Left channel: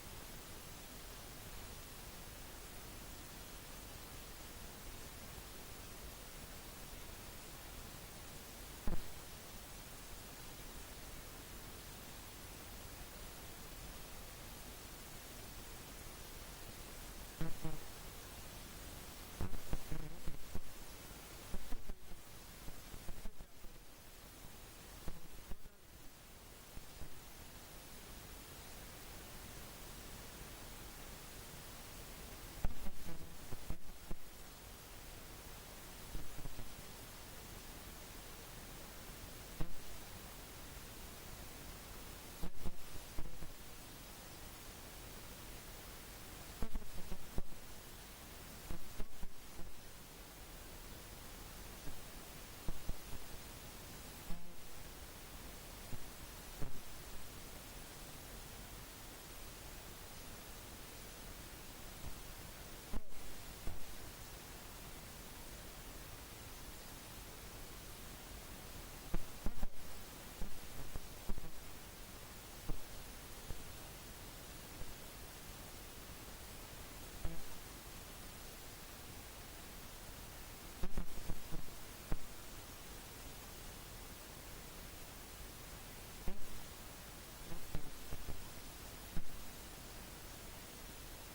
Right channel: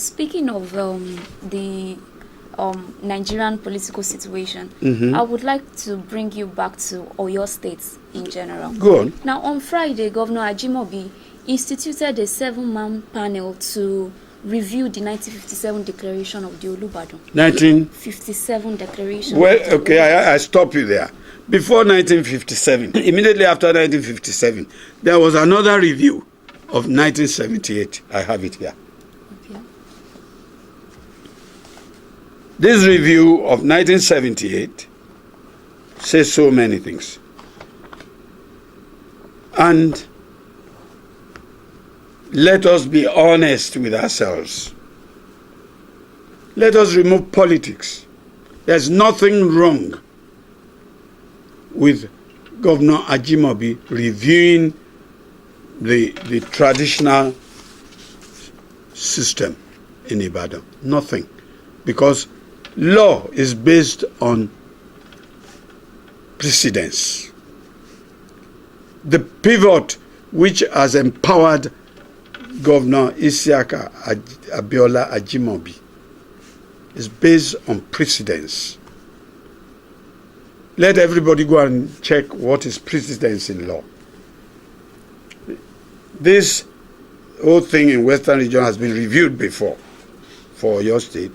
Speaking of the Nigerian political situation, I would like to bring you back to Oyo State in general. Go on. Now, on Friday, Governor Ajimobi instituted a 7-man panel to review the 1957 declaration of the Olubadan. 1957 declaration. Well, okay, I stop you there. Before 1957, immediately after 1957, there was another review of 1978. I have it here. Okay. This review of 1978 says so many things. And let us be honest with ourselves. Let us remove politics. There's nothing wrong with Governor Ajimobi reviewing the traditional system in Ibadan. Nothing. Because law is based on precedence. The pivot which has empowered Governor Isiaka Abiola Ajimobi is based on precedence. Let everybody go and check what is precedence in law. This whole thing in Western region has been reviewed before for your state.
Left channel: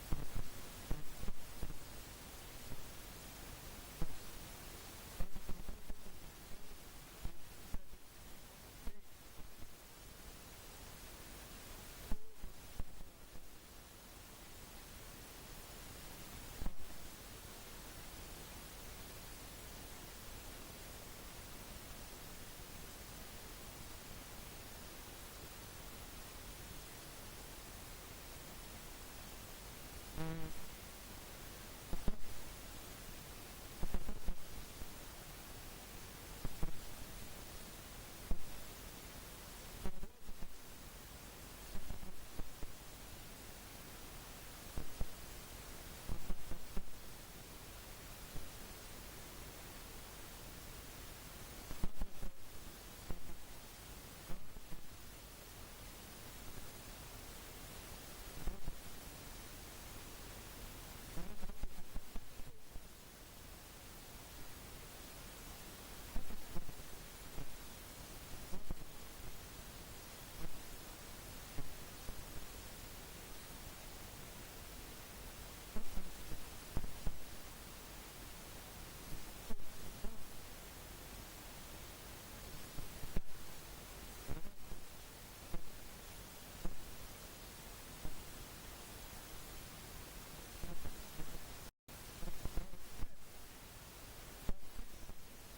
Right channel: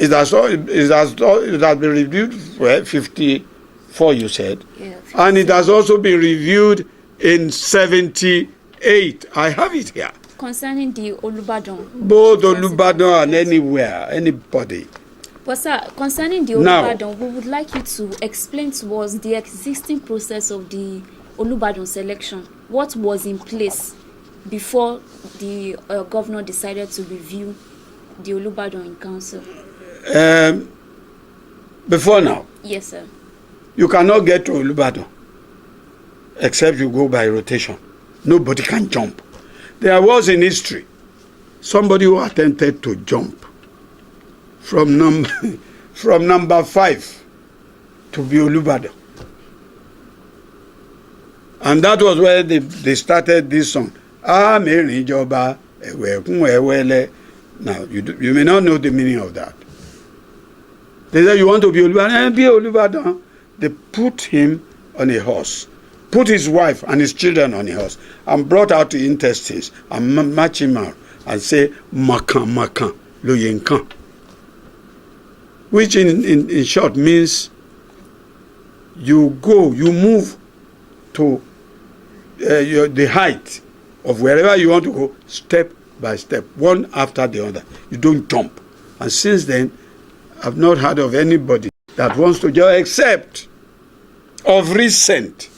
It has been reviewed for 54, you said. Yeah, and it has also been reviewed in 78. I have it here. Concerning the Olubadan. Both Olubadan and anywhere, anybody. But sir, concerning the Olubadan, we would like you to explain to us the existing process of the Olubadan selection. What was in place before the governor decided to review the Olubadan in council? Before now? Yes, sir. You cannot get to Olubadan except you go by rotation. Nobody can jump. There was in history somebody who attempted to jump from number 5 to be Olubadan. And that was where they started this song. Now, you may not know the meaning of that. They said, you want to be Olubadan? Be Olubadan. They put him on a horse, put his wife and his children on a horse, and brought out the intestines and match him out and say, Makan, Makan, lo yenkan. Which in short means you move to the height of wherever you want to go, step by step, one after the other. You don't jump. And since then, I've not heard of anybody that wants to jump, except of recent,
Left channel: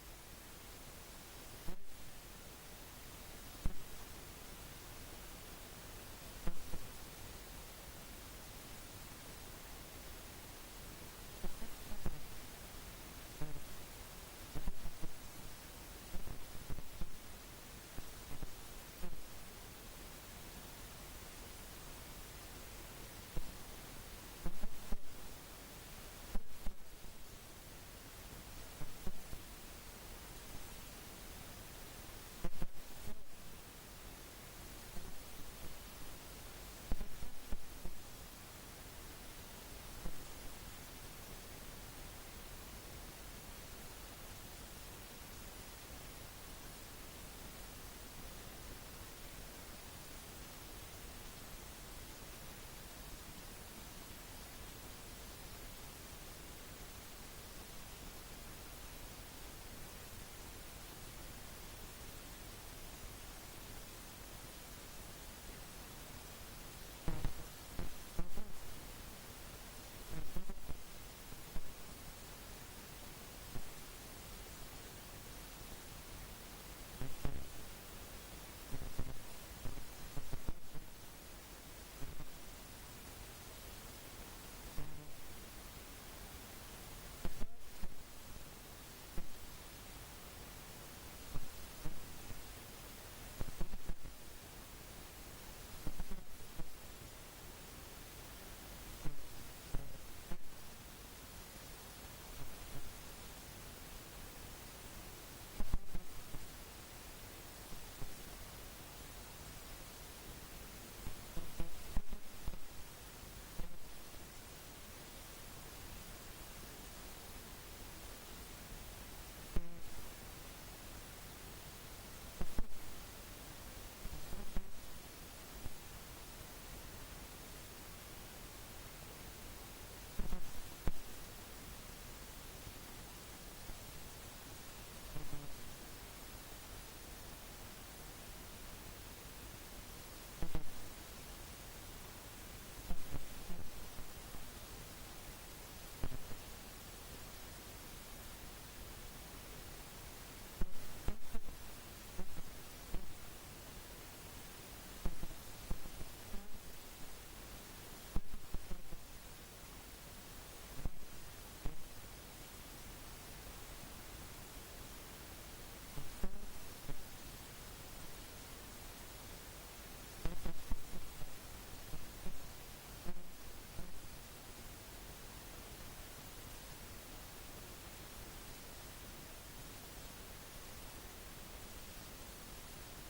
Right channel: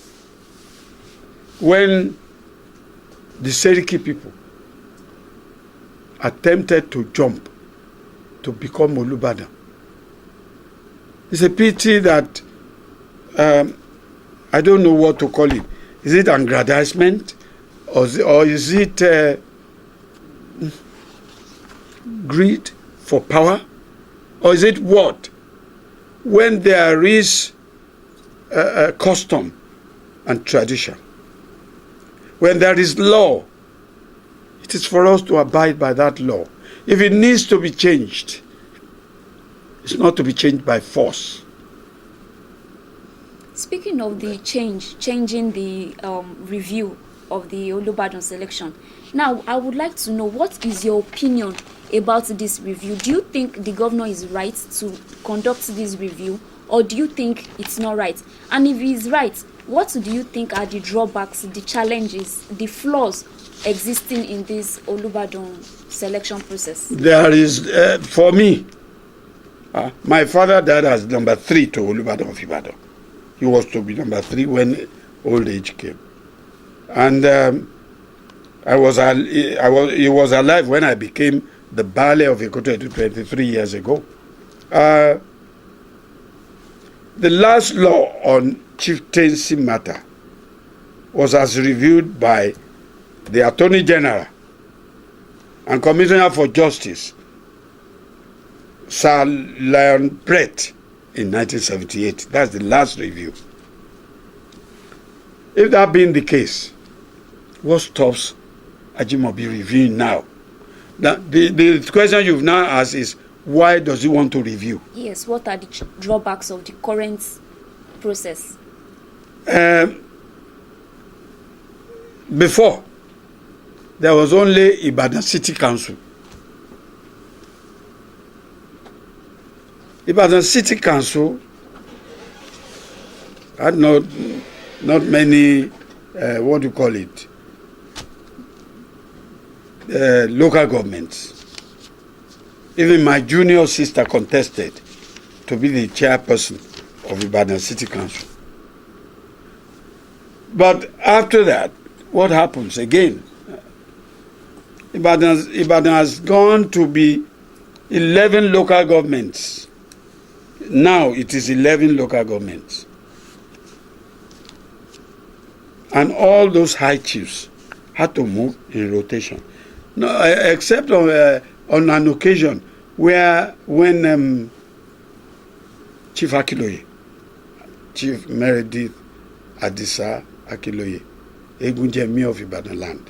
when the Seriki people attempted to jump to become Olubadan. It's a pity that I don't know what to call it. Is it aggrandizement, or is it greed for power, or is it what? When there is a custom and tradition, when there is law, it is for us to abide by that law. If it needs to be changed, it's not to be changed by force. Speaking of the changing the review of the Olubadan selection, now I would like to know, what is your opinion about this review? Do you think the governor is right to conduct this review, or do you think it's not right? And if he is right, what do you think are the drawbacks, the challenges, the flaws existing in this Olubadan selection process? There is, for me, my father died as number 3 to Olubadan of Ibadan. He was to be number 3 when old age came. And he was alive when I became the Baale of Ayorinde 23 years ago. The last law on chieftaincy matter was as reviewed by the Attorney General and Commissioner for Justice, Sir Lion Brett, in 1978. That's the last review. If that being the case, what stops Ajimobi reviewing now? Now, the question you've now asked is, why does he want to review? Yes, what are the drawbacks of the current process? Before, there was only Ibadan City Council. Ibadan City Council had not many, what do you call it, local governments. Even my junior sister contested to be the chairperson of Ibadan City Council. But after that, what happens again? Ibadan has gone to be 11 local governments. Now it is 11 local governments. And all those high chiefs had to move in rotation. No, except on an occasion when Chief Akiloye, Chief Meredith Adisa Akiloye, Egunjemi of Ibadan land,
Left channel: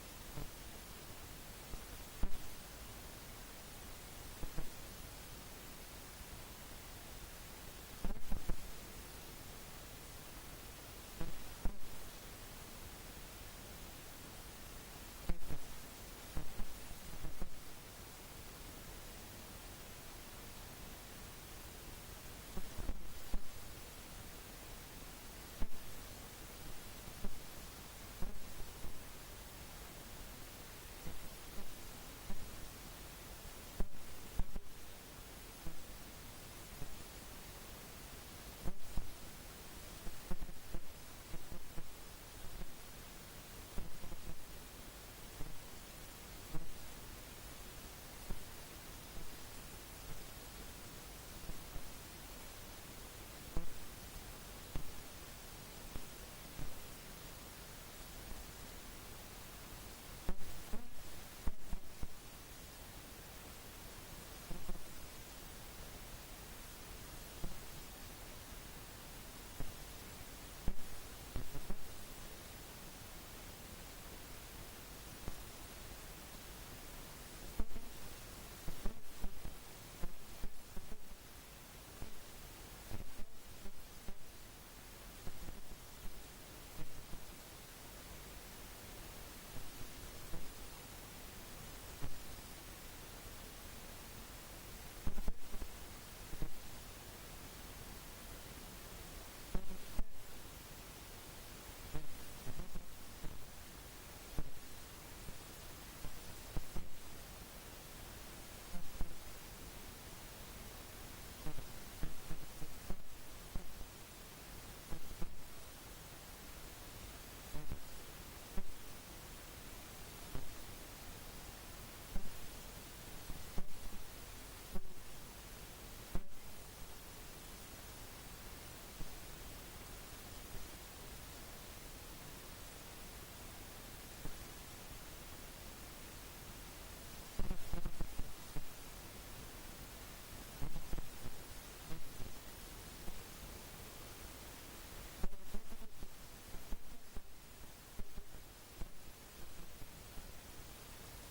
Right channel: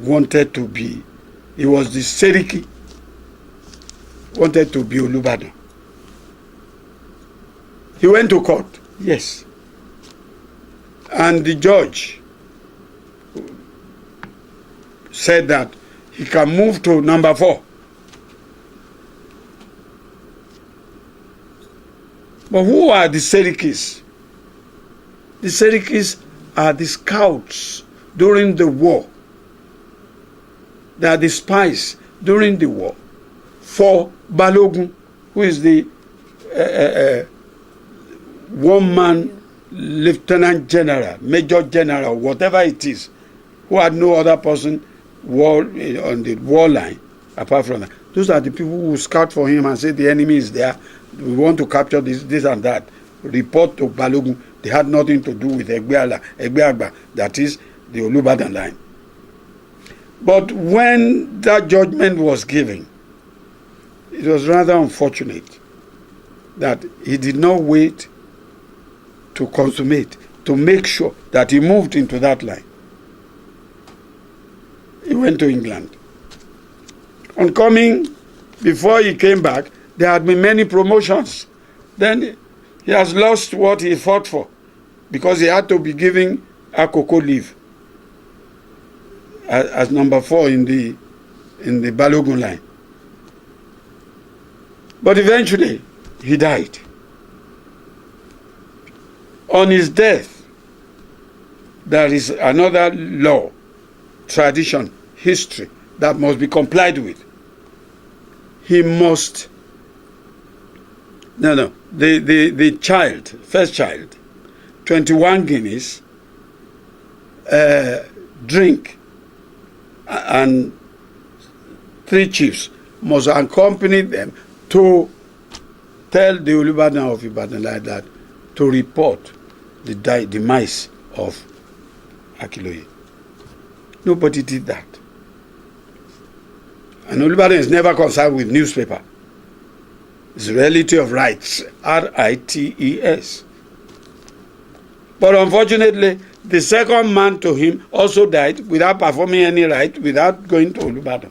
wanted to be, he was the Seriki, wanted to be Olubadan. He went to court, yes. And the judge said that he can move to number 4. But who are the Serikis? The Serikis are the scouts during the war. They are the spies during the war for Balogun, who is the one-man lieutenant general, major general, whatever it is, who had no other person on the war line apart from that. Those are the people who scout for him and say the enemy is there, we want to capture this and that. Report to Balogun. They had nothing to do with Egbeagba, that is the Olubadan line. But when that judgment was given, it was rather unfortunate that he did not wait to consummate, to make sure that he moved into that line. He went to England. On coming, before he came back, there had been many promotions. Then he has lost what he fought for because he had to be giving Akoko leave as number 4 in the Balogun line. But eventually, he died. On his death, there is another law, tradition, history that must be complied with. He must, the child, first child, 21 guineas, drink, and 3 chiefs must accompany them to tell the Olubadan of Ibadan like that to report the demise of Akiloye. Nobody did that. And Olubadan is never concerned with newspaper. It's reality of rights, R-I-T-E-S. But unfortunately, the second man to him also died without performing any right, without going to Olubadan.